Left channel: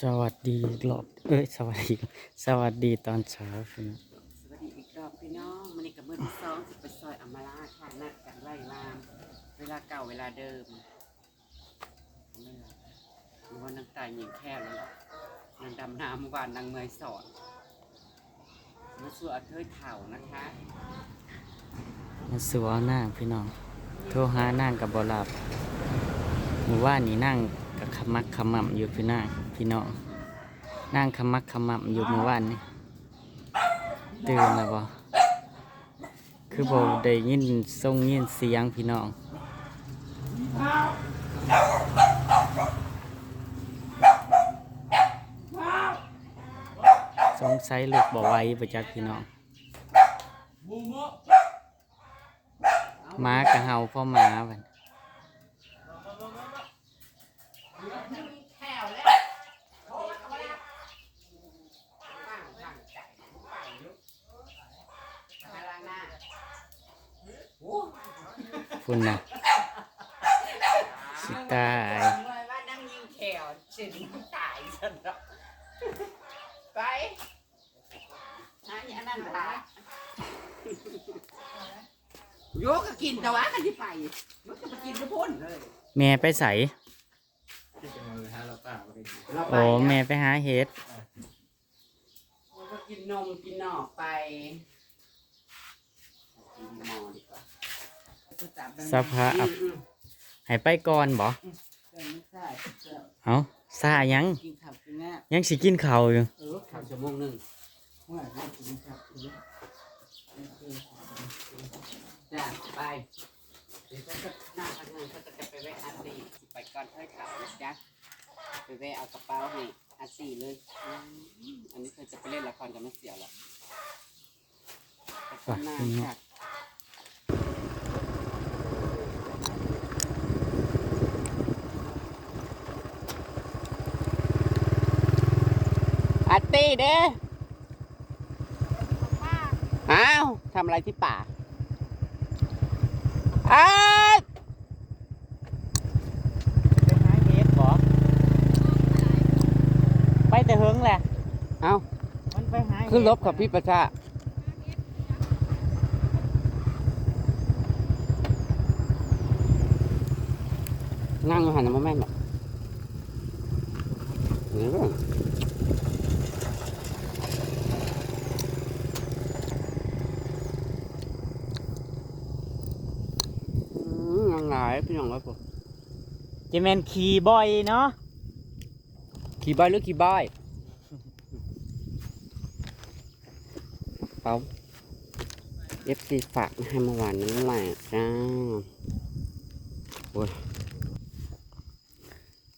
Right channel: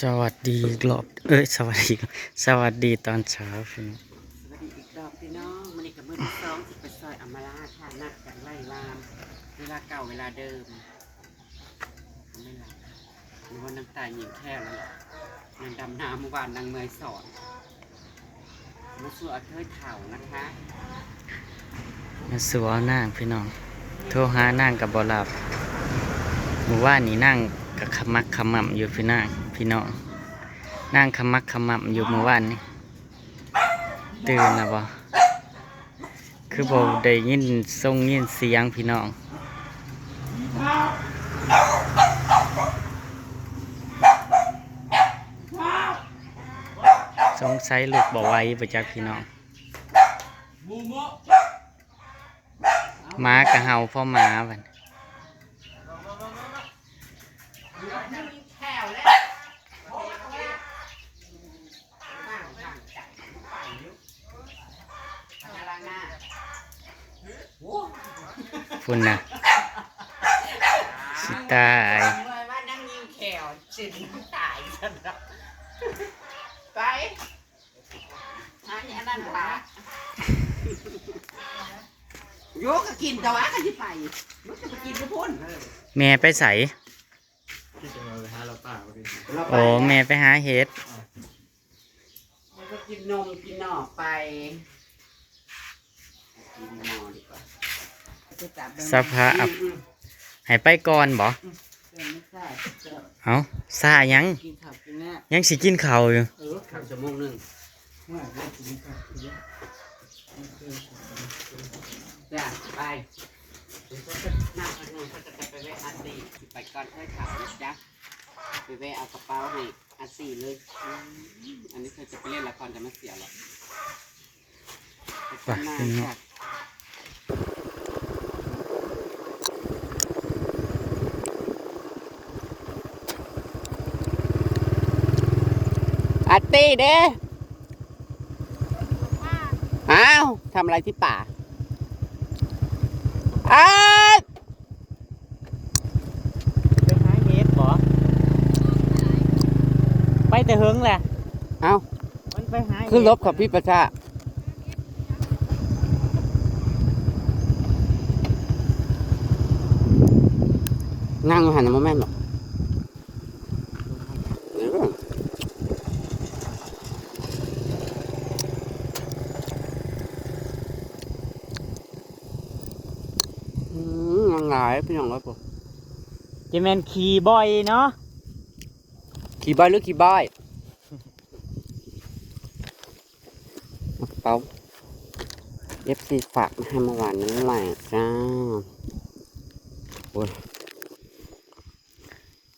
สวัสดีอีกรอบสวัสดีตอนเช้าพี่น้องสวัสดีอีกรอบพี่น้องมันนี่กับมือที่สองสิไปซอยอำมาลาค่ะนัดกันไล่ลามเวลาเก่าเวลาเดิมไม่หลับหรือว่านางตายหญิงแค่แล้วล่ะนางดำน้ำเมื่อวานนางเมยสอนมาสู่อาเทยเถ่านะคะ มาสู่เอานางพี่น้องโทรหานางกับบหลับหมู่ว่านนี่นั่งกับขมักขมั่ำอยู่พี่น้องนั่งขมักขมั่ำอยู่เมื่อวานนี่ตื่นแล้วบ่คือบ่ได้ยินส่งยินเสียงพี่น้องสงสัยลูกบ่ไหวบ่จักพี่น้องหมากะเห่าพ่อหมาบัดฝุ่นน่ะสิตาย ว่านั่งยิงแขวสินตายฉันละไปอันนี้นั่นละโยกก็กินแต่ว่าก็ที่ไปมันจะไปกินก็พ้นเลย แม่ไปใส่โอ้แม่ไปหาเห็ดแล้วก็กินนมกินหน่อไปกินหน่อดีกว่า สภาพให้ไปก่อนบ่เอาซายัง กินข้าวกินแม่ ยังสิกินข้าวอยู่ ข้าวชั่วโมงหนึ่งจ้ะไปหน้าทางนู้นเขาจะไปแวะอาซีไปก่อนค่อยขับนะจ๊ะไปแวะเอากระเป๋าให้อาซีเลยอันนี้เธอจะไปเล่นละครจะไม่เสียหรอกไปข้างหน้าค่ะอาร์ตี้เด้อ้าวทำอะไรที่ป่าอ้าว ไปหาเห็ดบ่ไปแต่เฮิงแหละ เอ้า มันไปหา ขึ้นรถของพี่ประชานั่งหันมาแม่นหรอกยังไงพี่น้องรถผม จะแม่นขี่บ่อยเนาะ ขี่บอยหรือขี่บอยเปาFC ฝากมาให้เมื่อวานนี้แหละจ้าโอ้ย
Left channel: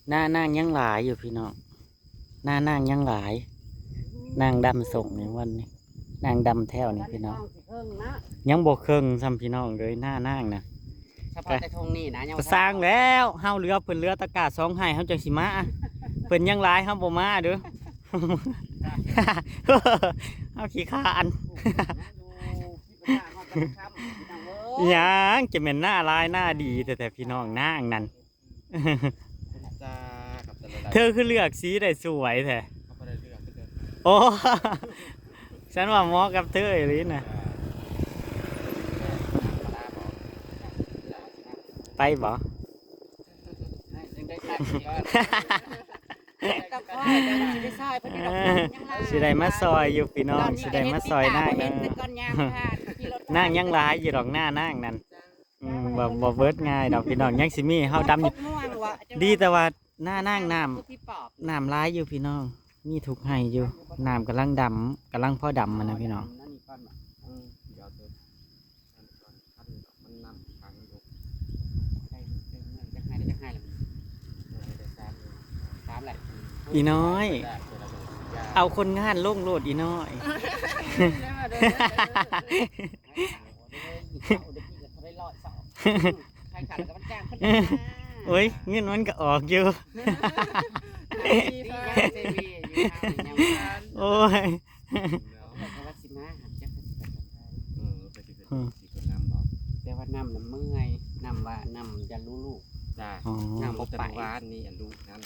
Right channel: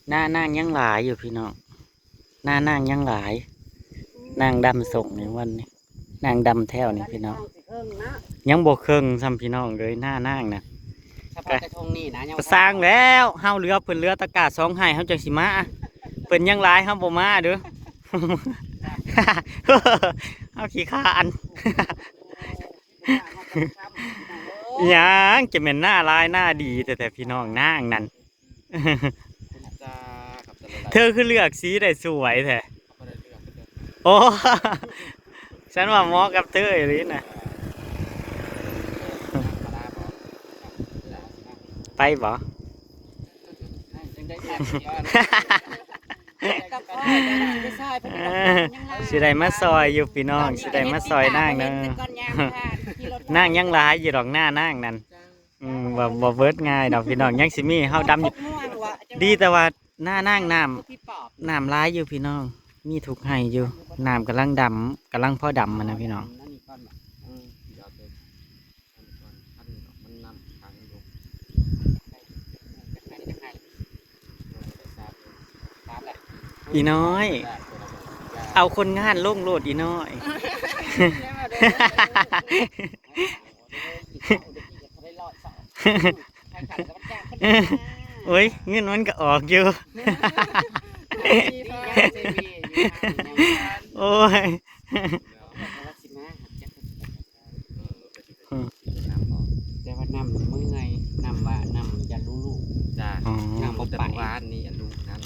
หน้านางยังหลายอยู่พี่น้องหน้านางยังหลายนางดำส่งในวันนี้นางดำแถวนี่พี่น้องยังบ่เครื่องซ้ำพี่น้องเลยหน้านางน่ะ เฉพาะแต่ทงนี่นะยัง ก็สร้างแล้วเฮาเรือเพิ่นเรือตะกาสองให้เฮาจังสิมาเพิ่นยังหลายเฮาบ่มาเด้อ เฮาขี้ข้านยังจะแม่นหน้าลายหน้าดีแต่พี่น้องนางนั่น เธอคือเลือกสีได้สวยแท้โอ้ ฉันว่าเหมาะกับเธออีหลีน่ะไปบ่ สิได้มาซอยอยู่พี่น้องสิได้มาซอยนางเด้อนางยังหลายอยู่ดอกหน้านางนั่นบ่เบิดง่ายดอกพี่น้องยังสิมีเฮาดำอยู่ดีแต่ว่าหน้านางน้ำหลายอยู่พี่น้องมีทุกให้อยู่น้ำกำลังดำกำลังพอดำมันนะพี่น้องอีน้อย เอาคนงานลงโลดอีน้อย โอ้ยเงินมันก็ออกอยู่ โอ้ยแต่ว่าน้ำมันเมื่อยน้ำว่าน้ำจะรู้ลูกจ้าน้ำบกแต่วานนี่อันลูกนั้น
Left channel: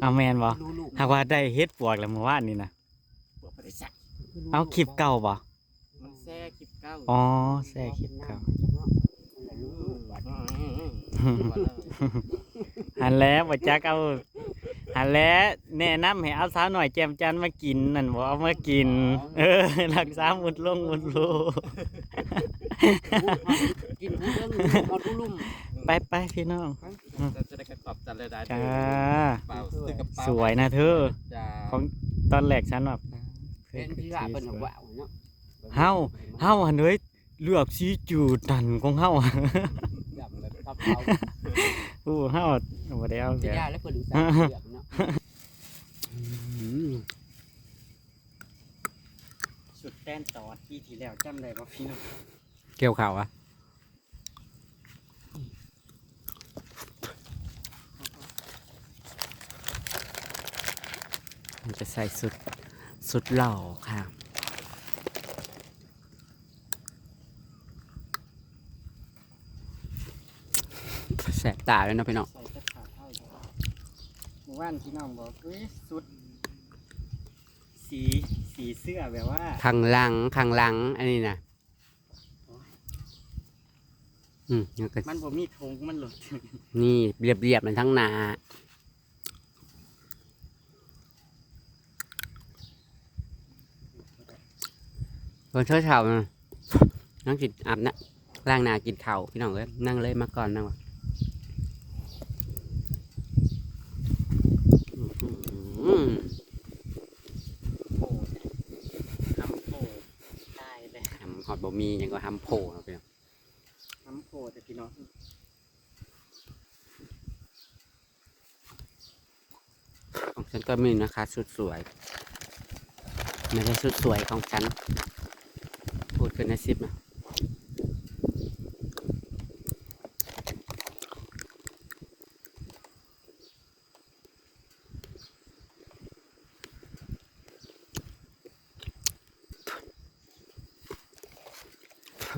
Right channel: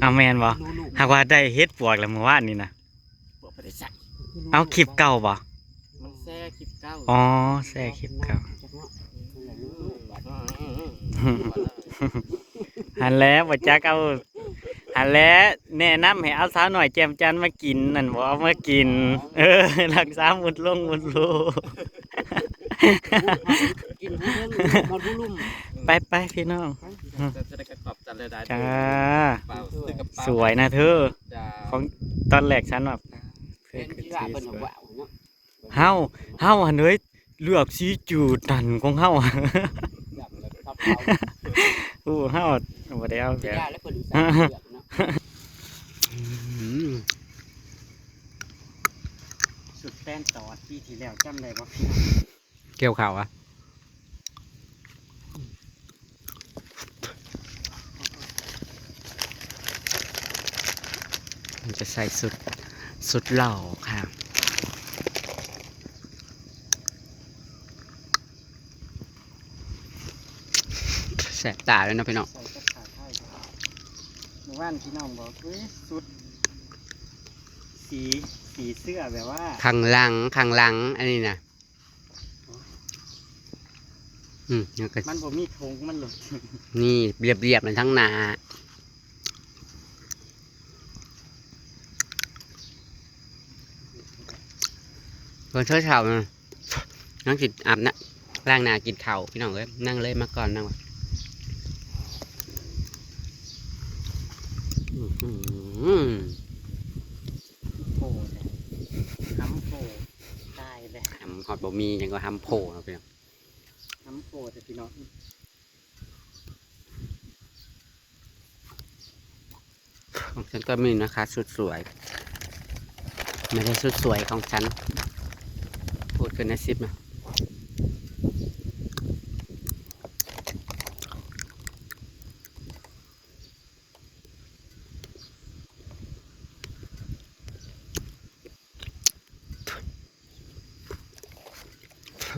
เอาแม่นบ่ ลูก หากว่าได้เฮ็ดปวกแล้วเมื่อวานนี่นะ ปวดไปได้สัก เอาคลิปเก่าบ่ มันแซ่คลิปเก้า อ๋อแซ่คลิปเก่า หันแล้วบ่จักเอาหันแล้วแนะนำให้เอาสาวหน่อยแจมจันทร์มากินนั่นบ่เอามากิน รักษาหมุดลงหมุดลู กินให้เรื่องมอดลุ่ม ไปพี่น้อง จะได้กระตอบจันเลยได้ จ้า เปล่าซื้อกระเป๋า สวยนะเธอ จ้า ของตอนแรกฉันแบบเพื่อ เป็น น ที่ว่าเป็นของว่าวเนาะ เฮาอันเอ้ยเลือกสีจูดนั่นของเฮา อยากเลยครับเขา อู้เฮาบ่ได้เอา จะ แก ได้แล้วเพิ่นใส่เสื้อเนาะสุดแป้นตอดปีที่แล้วจำได้บ่พี่น้อง เกี่ยวข่าวอ่ะมันจะใส่สุดเหล่าค่ะแสบตาเลยนะพี่น้อง ใส่กระถาไทยเมื่อวานพี่น้องบอกเฮ้ยสุดสีเสื้อแบบว่า ข้างหลังอันนี้นะแล้วก็ มันบ่มีธงมันหลุด นี่เรียบๆมันทั้งหนาตอนเช้าๆนะนั่งกินอาบนะล้างหน้ากินข้าวพี่น้องเอ้ยนั่งเลยมาก่อนนั่งวะอื้อหือ โผล่เนี่ยน้ำโผล่ตายเลย ทำฮอตบะหมี่ยังก็ทำโผล่เนาะพี่น้อง น้ำโผล่แต่พี่น้อง ของฉันก็มีนะคะชุดสวยไม่ใช่ชุดสวยของฉันพูดเกินนะซิปนะ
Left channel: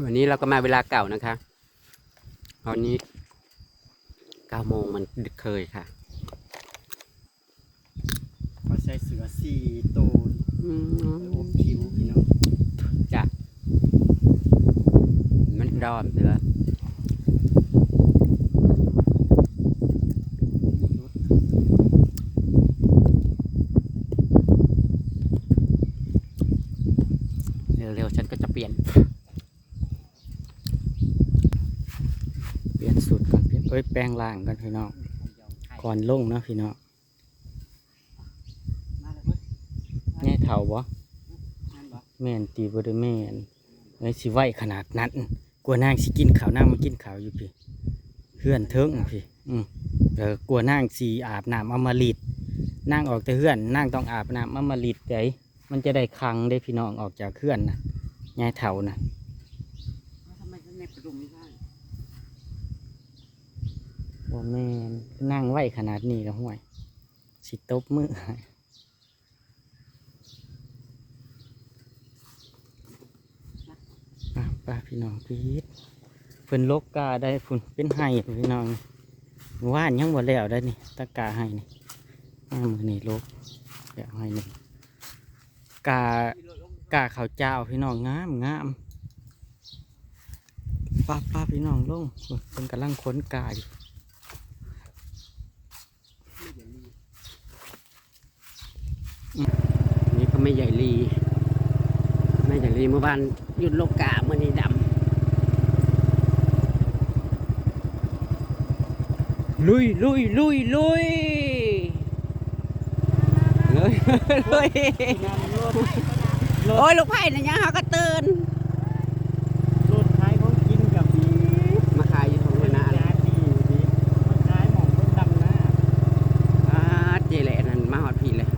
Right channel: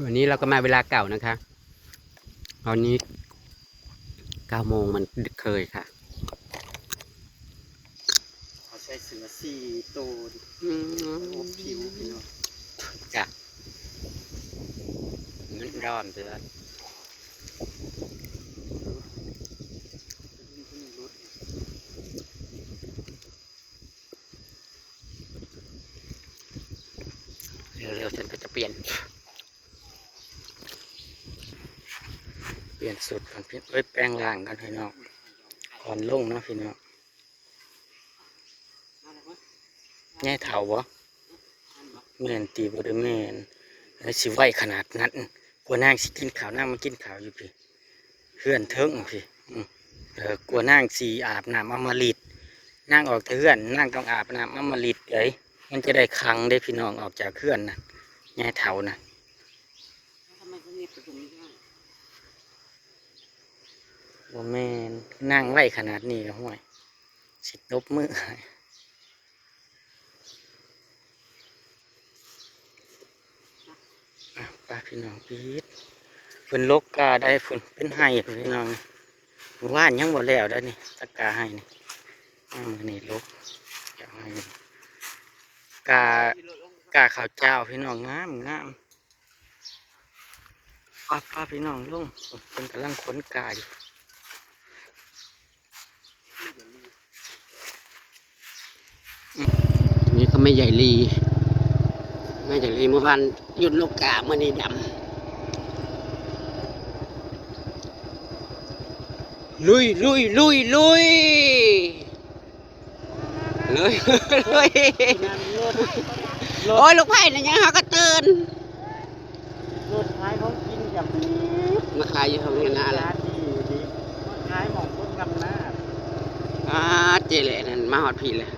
วันนี้เราก็มาเวลาเก่านะคะตอนนี้9 โมงมันดึกเคยค่ะ เขาใส่เสือ4 ตัวอบผิวพี่น้อง จ้ะมันร้อนเสือเร็วๆฉันก็จะเปลี่ยน เปลี่ยนสูตรก่อนเอ้ยแปลงร่างกันพี่น้องก่อนลงเนาะพี่น้อง มาแล้วเว้ย แง่เท่าบ่ นั่นบ่ แม่นตีบ่ได้แม่นไอ้สิไหวขนาดนั้นกลัวนางสิกินข้าวนางมากินข้าวอยู่พี่เฮือนเทิงพี่กลัวนางสิอาบน้ำอมฤตนางออกแต่เฮือนนางต้องอาบน้ำอมฤตเอ้ยมันจะได้คังได้พี่น้องออกจากเฮือนน่ะแง่เท่าน่ะ แล้วทำไมเขาเนี่ยประดุมไม่ได้ บ่แม่นนั่งไหวขนาดนี้แล้วห่วยสิตบมือให้ป้าพี่น้องพีดเพิ่นลกกาได้เพิ่นเป็นไห้พี่น้องเมื่อว่านยังบ่แล้วได้นี่ตะกาให้นี่มือนี่ลกเดี๋ยวให้นี่กาข้าวเจ้าพี่น้องงามป้าพี่น้องลงเพิ่นกำลังค้นกาอยู่ นี่ก็ไม่ใหญ่ลีเมื่อวานหยุดโลกาเมื่อนี้ดำลุยลุยลุยลุยลุยลุยโอ้ยลูกไผ่เนี่ยยังเขาก็ตื่น รถท้ายเขากินกับ มาขายอยู่ตรงนี้นะอะไร ร้านที่อยู่ดีท้ายหมองคนดำหน้า เจเลยนั่นมาหอดผีเลย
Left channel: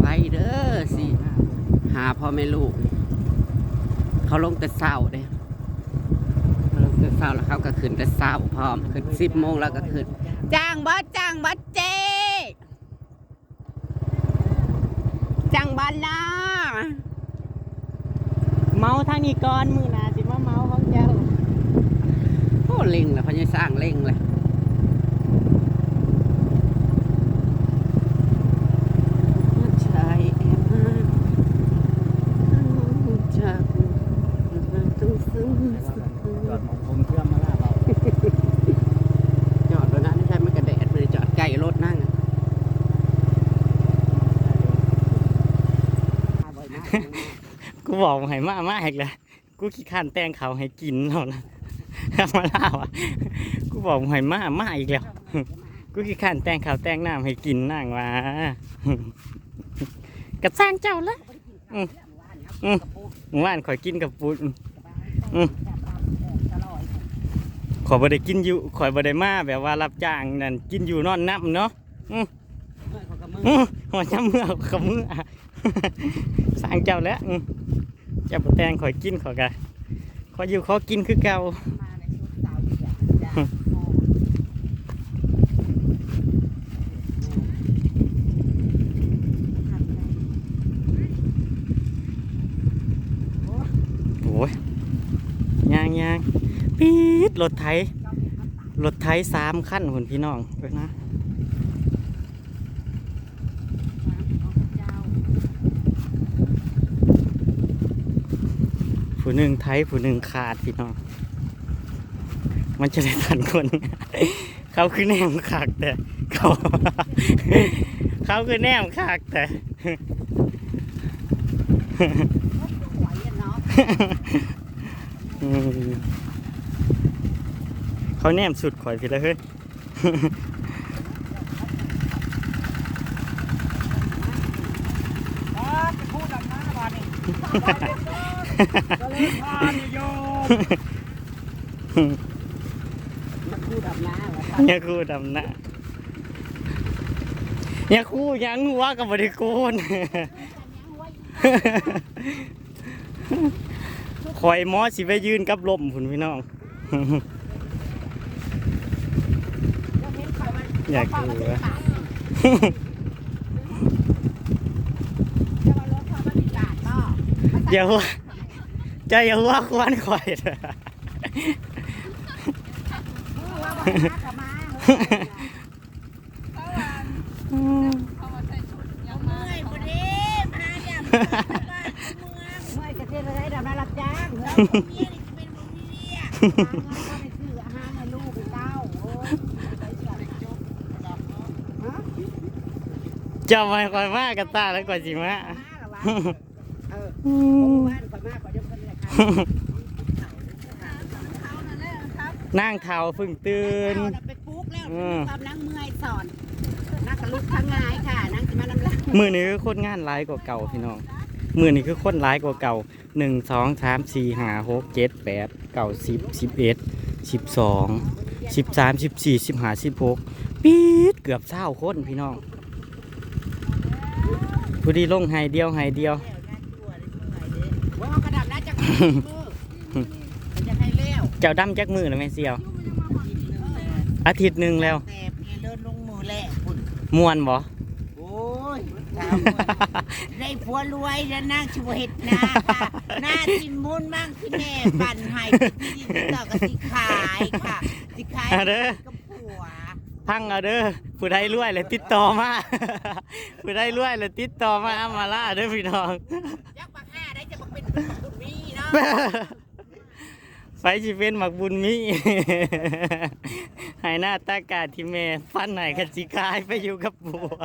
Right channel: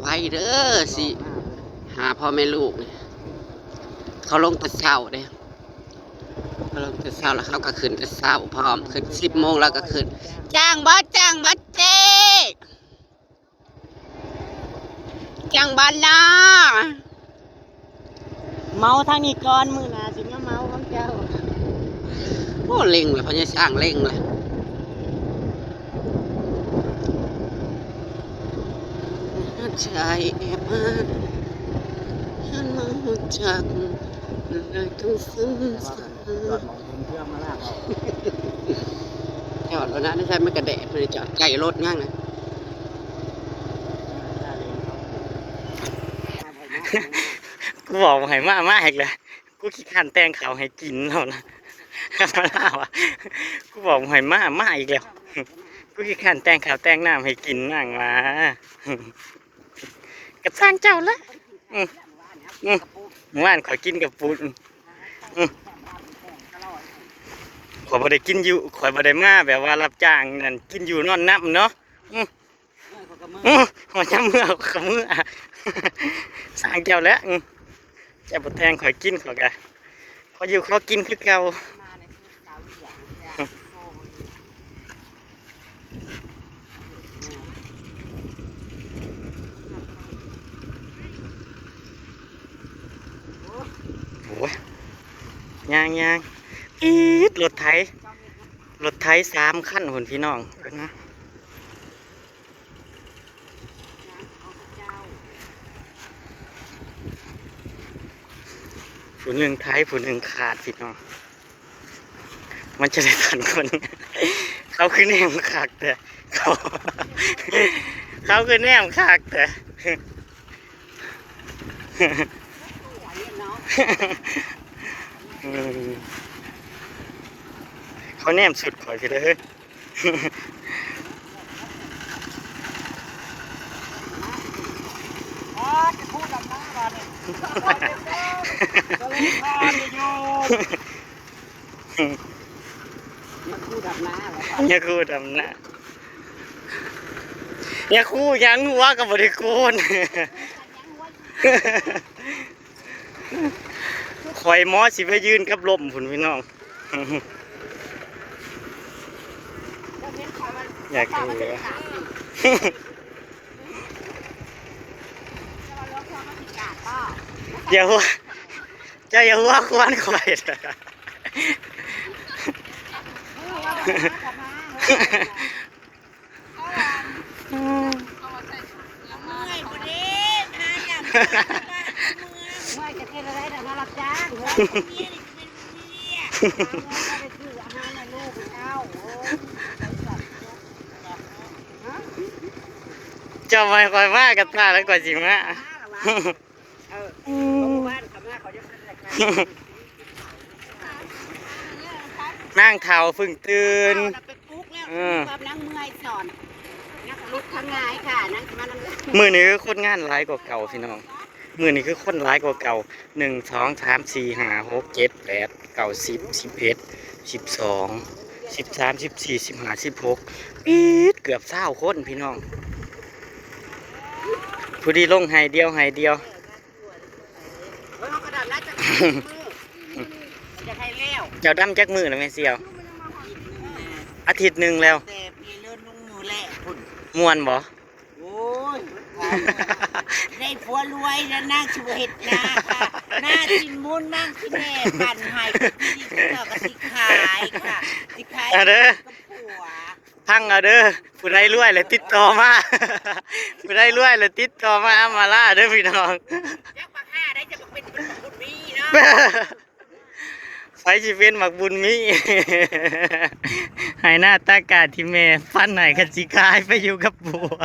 ไว้เด้อสิหาพ่อแม่ลูกนี่เขาลงแต่เช้าเด้เขาลงแต่เช้าแล้วเขาก็ขึ้นแต่เช้าพร้อมขึ้น10 โมงแล้วก็ขึ้นจ้างบ่เจ๊จ้างบ้านนะ เมาทางนี้ก่อนมือหนาสิมาเมาของเจ้า โอ้เล็งเลยพญาสร้างเล็งเลย ฉันมาจากต้องซื้อจอดวันนั้นไม่ใช่ไม่กระแดดไม่ได้จอดใกล้รถนั่งนะ กูบอกให้มาอีกเลยกูขี้ข้านแต่งเขาวให้กินแล้วนะมาล่าวะกูบอกให้มาอีกแล้วกูขี้ข้านแต่งเขาวแต่งน้ำให้กินนั่งมากระสร้างเจ้าละเมื่อวานขอยกินกับปุ้นขอยบ่ได้กินอยู่ขอยบ่ได้มาแบบว่ารับจ้างนั่นกินอยู่นอนนับเนาะหัวจำเมื่อกับมือสร้างเจ้าแล้วเจ้าบ่แต่งขอยกินขอยกะขออยู่ขอกินคือเก่าโอ้ยยางปี๊ดรถไถ3 คันหุ่นพี่น้องเบิ่งนะผู้หนึ่งไทยผู้หนึ่งขาดพี่น้องมันจะได้ทันคน เขาคือแนมขากแต่เขาคือแนมขากแต่เขาแนมสุดข่อยพี่เลยเฮ้ยจะพูดดำน้าบ้านเนี่ยคู่ดำน้าเนี่ยคู่ดำน้าเนี่ยคู่ยังหัวกับบริโภคคอยมอสิไปยืนกับลมผุนพี่น้องอยากดูเลยอย่าหัวจะอย่าหัวควันข่อยไม่จะเป็นอะไรแต่มารับจ้างเมียนี่จะเป็นเมียคืออาหารในลูกเจ้าจะไม่ค่อยมากกับตาแล้วกว่าจริงมะนั่งเท้าพึ่งตื่นนั่งเมื่อยสอนนั่งลุกทั้งงายค่ะนั่งมาน้ำลาย มือนี้คือคนงานร้ายกว่าเก่าพี่น้องมือนี้คือคนร้ายกว่าเก่า1 2 3 4 5 6 7 8 9 10 11 12 13 14 15 16ปี๊ดเกือบ20 คนพี่น้องผู้ดีลงไฮเดียวเจ้าดำจักมือแล้วแม่เสี่ยวอาทิตย์หนึ่งแล้วแต่พี่เลื่อนลงมือแหละคุณมวนบ่โอ้ยได้ผัวรวยแล้วนั่งชูเห็ดนาค่ะหน้าสินมุนมั่งที่แม่ปั่นหายที่ดินเจ้าก็สิขายค่ะสิขายกับผัวพังเอาเด้อผู้ใดรวยเลยติดต่อมาผู้ใดรวยเลยติดต่อมามาล่าเด้อพี่น้องยักษ์ปากห้าได้จะบอกเป็นบุญมีเนาะไฟชีเป็นหมักบุญมีให้หน้าตากาที่แม่ฟันไหนกันสิกายไปอยู่กับบัว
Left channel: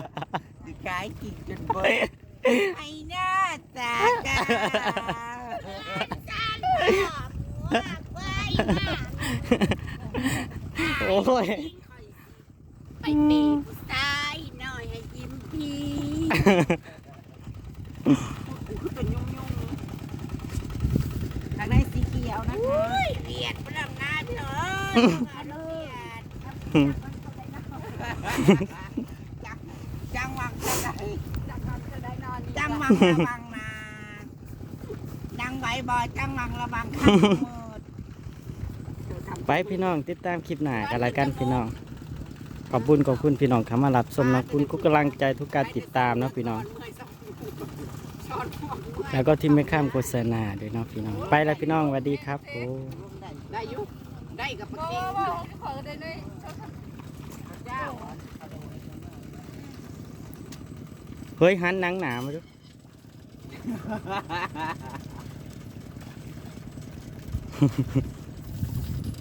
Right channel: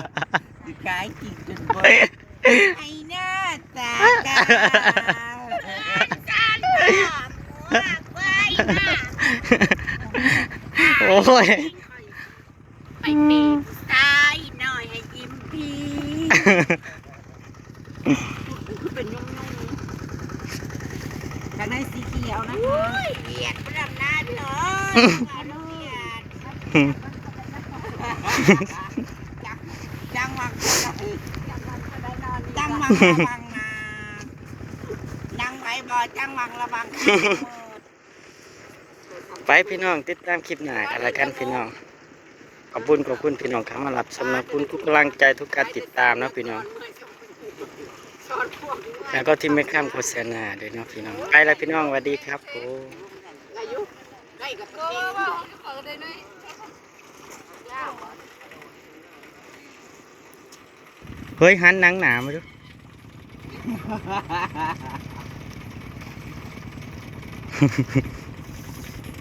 สิกายกินจนบ่ให้หน้าตากาโอ้ยไปเป็นตายหน่อยให้ยิ้มพีคือเป็นยุ่งทางในสีเขียวนะคะเบียดประดับหน้าเลยจังหวังจังหวังระวังนะจังไหวบ่จังหวังระวังไปพี่น้องติดตามคลิปหน้ากันละกันพี่น้องขอบคุณพี่น้องเข้ามารับชมนะคุณทุกกำลังใจทุกการติดตามนะพี่น้องแล้วก็ที่ไม่ข้ามโฆษณาด้วยเนาะพี่น้องไปแล้วพี่น้องสวัสดีครับโอ้ได้กับปเฮ้ยหันหนังหนามาดู เ